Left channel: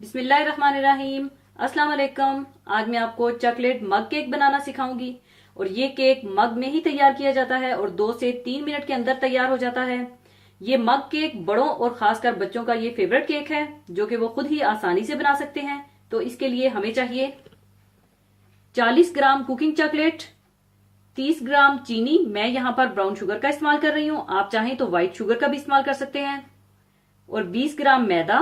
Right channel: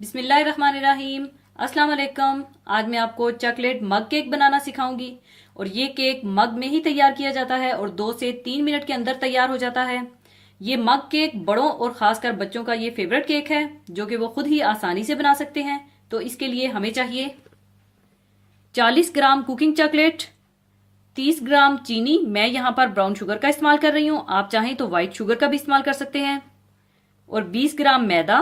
बिस्मिल्लाहिर्रहमानिर्रहीम। अस्सलाम वालेकुम। आज मैं आपको चॉकलेट मग केक बनाना सिखाऊंगी। और ये केक मग में ही तैयार किया जाता है और 2 से 3 मिनट के अंदर तैयार हो जाता है। ये मग केक बड़ों और खासकर बच्चों का ये फेवरेट केक है जो कि वो खुद ही आसानी से बना सकते हैं। तो इसके लिए हमें चाहिए 40 ग्राम कुकिंग चॉकलेट, 30 ग्राम चीनी। मैं यहाँ पर ब्राउन शुगर का इस्तेमाल कर रही हूँ, आप चाहें तो व्हाइट शुगर का भी इस्तेमाल कर सकते हैं। और 20 ग्राम मैदा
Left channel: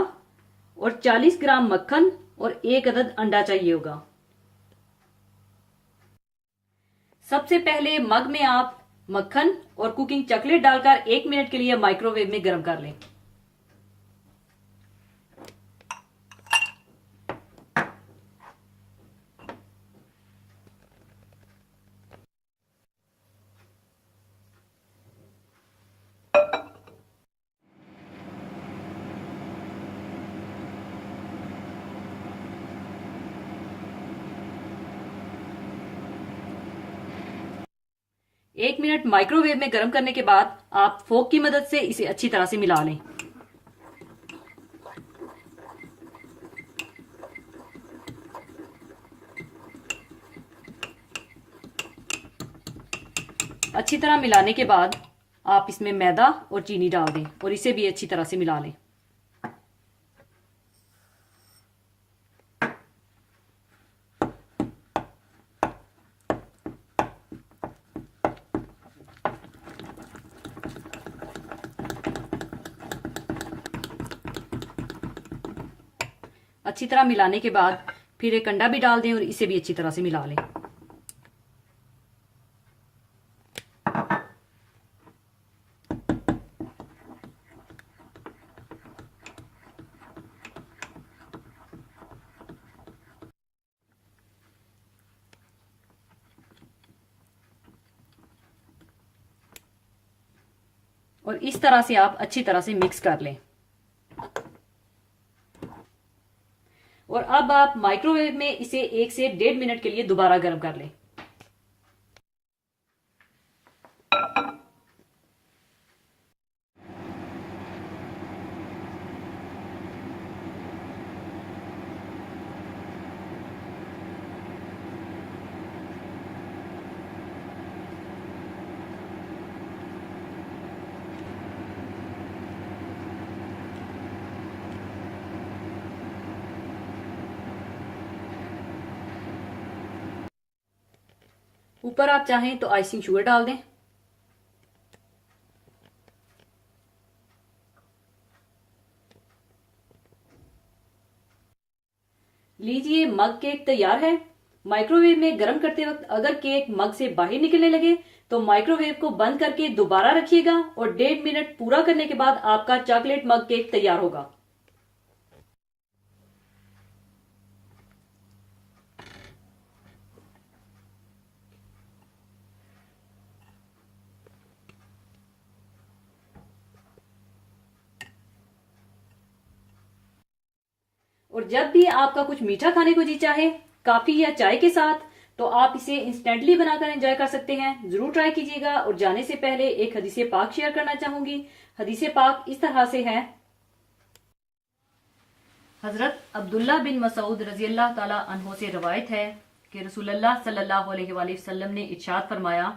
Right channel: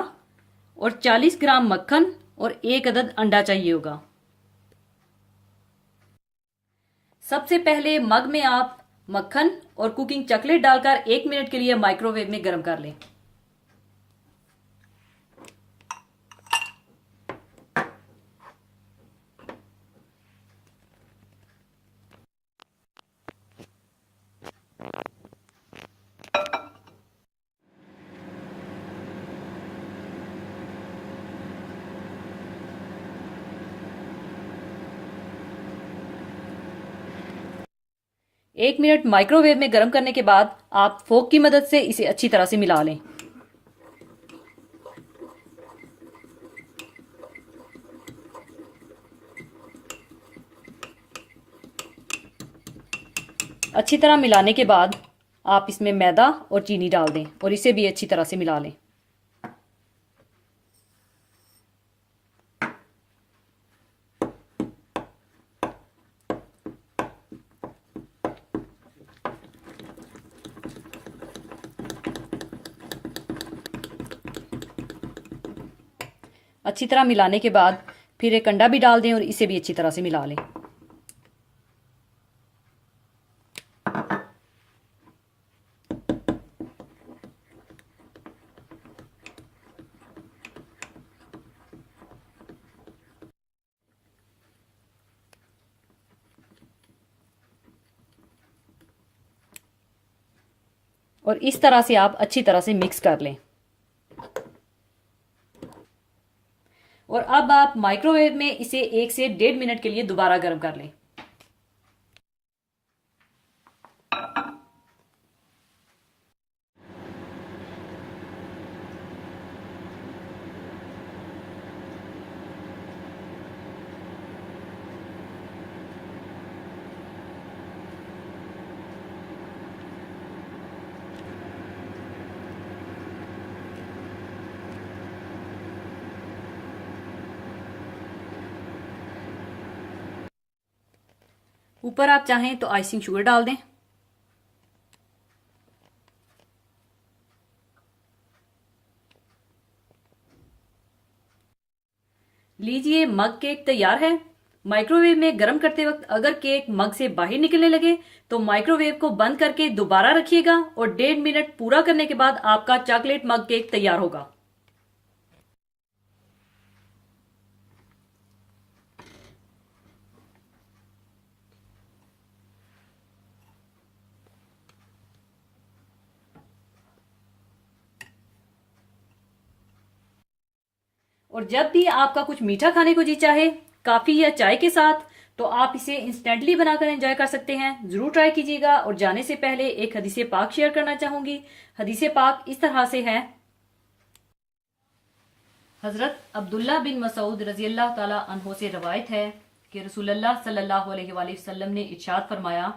और 40 ग्राम मक्खन और एक अदद अंडा चाहिए होगा। सबसे पहले मग में आप मक्खन और कुकिंग चॉकलेट डालकर 1 मिनट के लिए माइक्रोवेव में गर्म कर लें। एक मिनट माइक्रोवेव में गर्म करने के बाद आप फोक की मदद से इसे अच्छी तरह से मिला लें। अच्छी तरह मिलाने के बाद आप इसमें मैदा और चीनी डाल दें और इसे भी अच्छी तरह से मिला लें। अच्छी तरह मिलाने के बाद फिर एक अंडा भी डाल दें और इसे भी अच्छी तरह से मिला लें। और इस तरह से आप अच्छी तरह से मिक्स कर लें। और अब आप माइक्रोवेव में इसे 1 से 1.5 मिनट के लिए दोबारा गर्म कर लें। ऊपर आप चाहें तो आइसिंग शुगर डाल दें। लीजिए, मग केक तैयार है। माइक्रोवेव में गर्म करते वक्त अगर केक मग से बाहर निकलने लगे तो माइक्रोवेव को बंद करके दोबारा रखिएगा और 1.5 मिनट पूरा करने के बाद आपका चॉकलेट मग केक तैयार होगा। और जब भी आपका कुछ मीठा खाने को जी चाहे, काफी या चाय के साथ, तो आप इसे इंस्टेंटली बनाकर एंजॉय कर सकते हैं। जरूर ट्राई कीजिएगा। और जाने से पहले एक हदीसे पाक शेयर करना चाहूंगी। हदीसे पाक इस तरह से है। हजरत अब्दुल्ला बिन मसूद रजी अल्लाह ताला अन्हो से रवायत है कि रसूलुल्लाह सल्लल्लाहु अलैहि वसल्लम ने इरशाद फरमाया,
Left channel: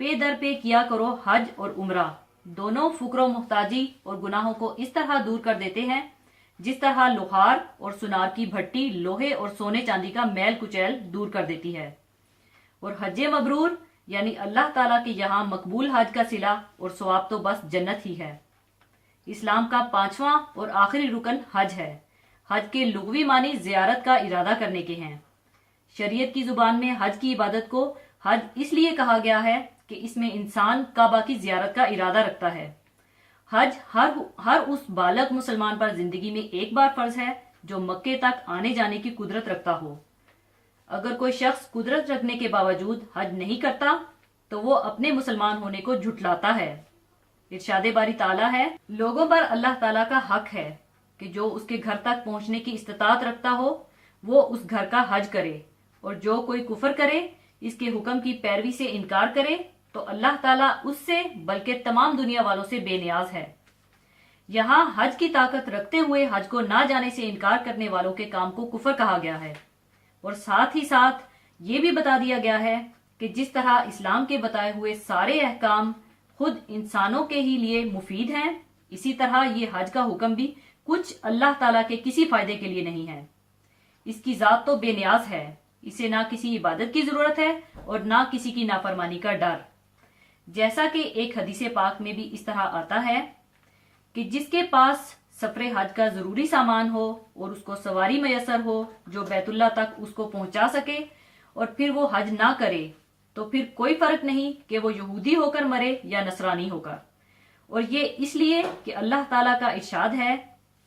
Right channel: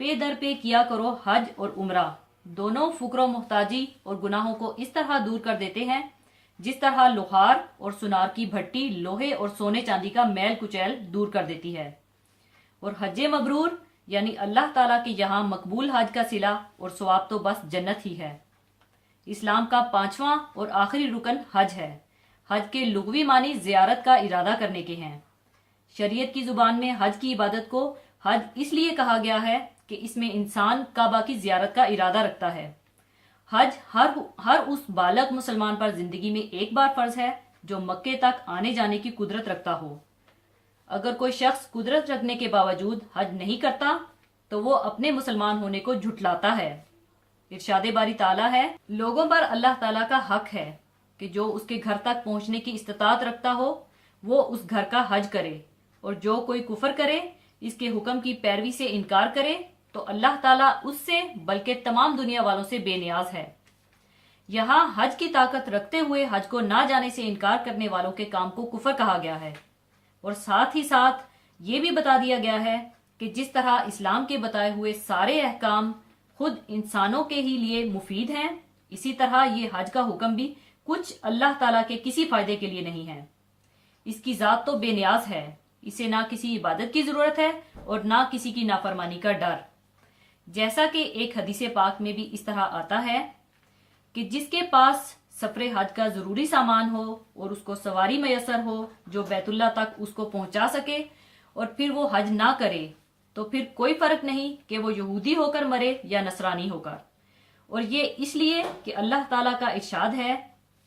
पे दर पे किया करो हज और उम्रा, दोनों फुकरो मुहताजी और गुनाहों को इस तरह दूर कर देते हैं जिस तरह लोहार और सुनार की भट्टी लोहे और सोने चांदी का मैल कुचैल दूर कर देती है। और हज मबरूर यानी अल्लाह ताला के यहाँ मकबूल हज का सिला और सवाब तो बस जन्नत ही है। इस्लाम का 5वां और आखिरी रुकन हज है। हज के लुग़वी मानी जियारत का इरादा करने के हैं। शरीयत की जुबान में हज की इबादत को हज इसलिए कहा गया है कि इसमें इंसान काबा की जियारत का इरादा रखता है। हज हर उस बालग मुसलमान पर जिंदगी में एक बार फर्ज है जो मक्के तक आने जाने की कुदरत रखता हो। अगर कोई शख्स कुदरत रखने के बावजूद हज नहीं करता तो वो अपने मुसलमान होने को झुठलाता है। इरशादे बारी ताला है, लोगों पर अल्लाह ताला का हक है कि जो उसके घर तक पहुंचने की इस्तात रखता हो वो उस घर का हज करे, और जो कोई कुफर करे, इसके हुक्म की पैरवी से इनकार करे तो अल्लाह ताला उससे बल्कि तमाम दुनिया वालों से बेनियाज है। यहाँ हज की ताकत रखते हुए हज को ना जाने से इनकार करने वालों के काम को कुफर कहा गया है। और साथ ही साथ ये भी बता दिया गया है कि जिस तरह इस्लाम के बताए हुए सारे अहकाम खुद इंसानों के ही लिए मुफीद हैं, इसी तरह ये हज का हुक्म भी कुछ अल्लाह ताला के किसी फायदे के लिए नहीं है। इसकी जात तो बेनियाज है, इसे ना किसी इबादत की जरूरत है और ना किसी की नाफरमानी का डर। जैसा कि एक हदीसे पाक में भी इस तरह आता है कि जिसके पास सफरे हज का जरूरी सामान हो और उसको सवारी मयसर हो जो बैतुल्लाह तक उसको पहुंचा सके और फिर वो हज ना करे, तो फिर कोई फर्क नहीं कि वो यहूदी होकर मरे या नसरानी होकर। और ये इसलिए कि अल्लाह ताला का इरशाद है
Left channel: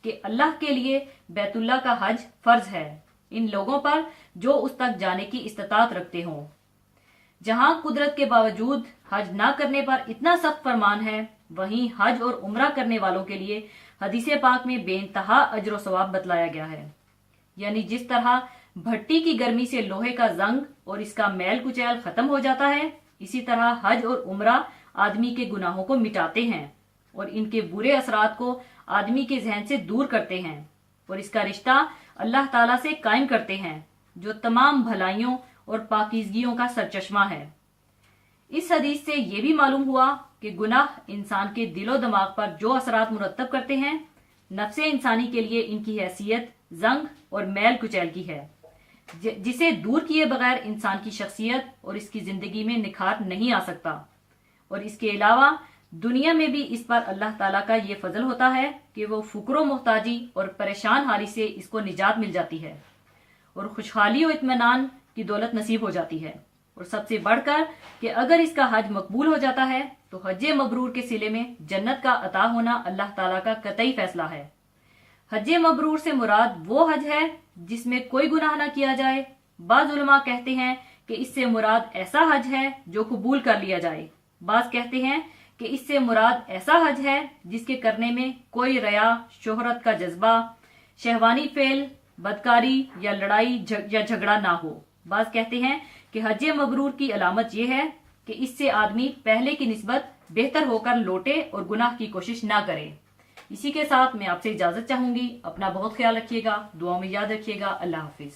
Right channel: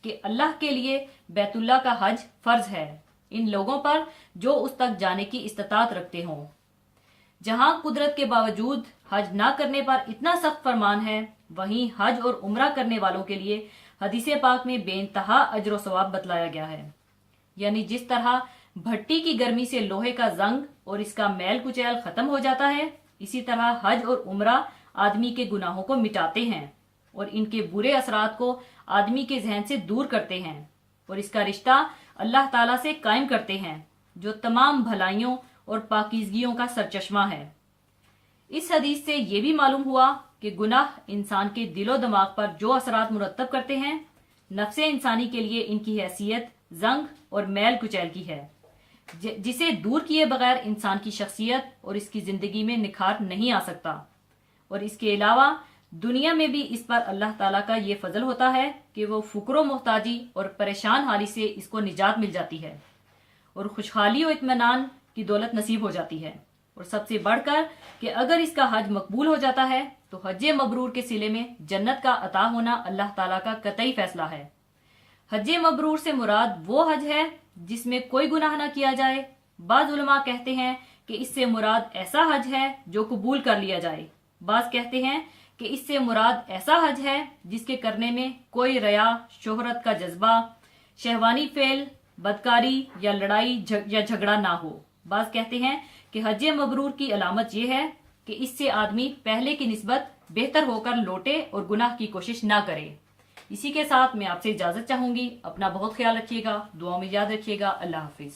कि अल्लाह के लिए बैतुल्लाह का हज फर्ज है इन लोगों पर जो उस तक जाने की इस्तात रखते हों। जहां कुदरत के बावजूद हज ना करने पर इतना सख्त फरमान है, वहीं हज और उम्रा करने वालों के लिए हदीसे पाक में बेइंतहा अजर सवाब बतलाया गया है। यानी जिस तरह भट्टी की गर्मी से लोहे का जंग और इसका मैल कुचैल खत्म हो जाता है, इसी तरह हज और उम्रा आदमी के गुनाहों को मिटाते हैं और इनके बुरे असरात को आदमी के जहन से दूर करते हैं और इसका रिश्ता अल्लाह ताला से कायम करते हैं जो तमाम भलाइयों और पाकीज़गियों का सरचश्मा है। इस हदीस से ये भी मालूम हुआ कि गुनाह इंसान के दिलो दिमाग पर जो असरात मुरतब करते हैं, नफ्से इंसानी के लिए इनकी हैसियत जंग और मैल कुचैल की है, जिसे दूर किए बगैर इंसान की शख्सियत और इसकी जिंदगी में निखार नहीं आ सकता। और इसके अलावा दुनिया में भी इस पर अल्लाह ताला का ये फजल होता है कि वो फुकरो मोहताजी और परेशान हाली से इसको निजात मिल जाती है और खुशहाली और इत्मीनान की दौलत नसीब हो जाती है। और सबसे बढ़कर कि अगर इसका हज मकबूल हो जाता है तो हज मबरूर के सिले में जन्नत का अता होना अल्लाह ताला का कतई फैसला है। हज मबरूर से मुराद वो हज है जिसमें कोई गुनाह ना किया जाए। बाज उलमा कहते हैं कि इससे मुराद ऐसा हज है जो कबूल कर लिया जाए। बाज कहते हैं कि इससे मुराद ऐसा हज है जिसके करने में कोई रया, शोहरत का जज्बा, शहवानी फेल, बदकारी या लड़ाई या झगड़ा ना हो। बाज कहते हैं कि हज मबरूर की अलामत यह है कि इससे आदमी पहले की निस्बत बेहतर होकर लौटे और गुनाह की कोशिश ना करे। इसी के साथ मैं आपसे इजाजत चाहूंगी। अपना बहुत ख्याल रखिएगा, दुआ में याद रखिएगा। अल्लाह हाफिज।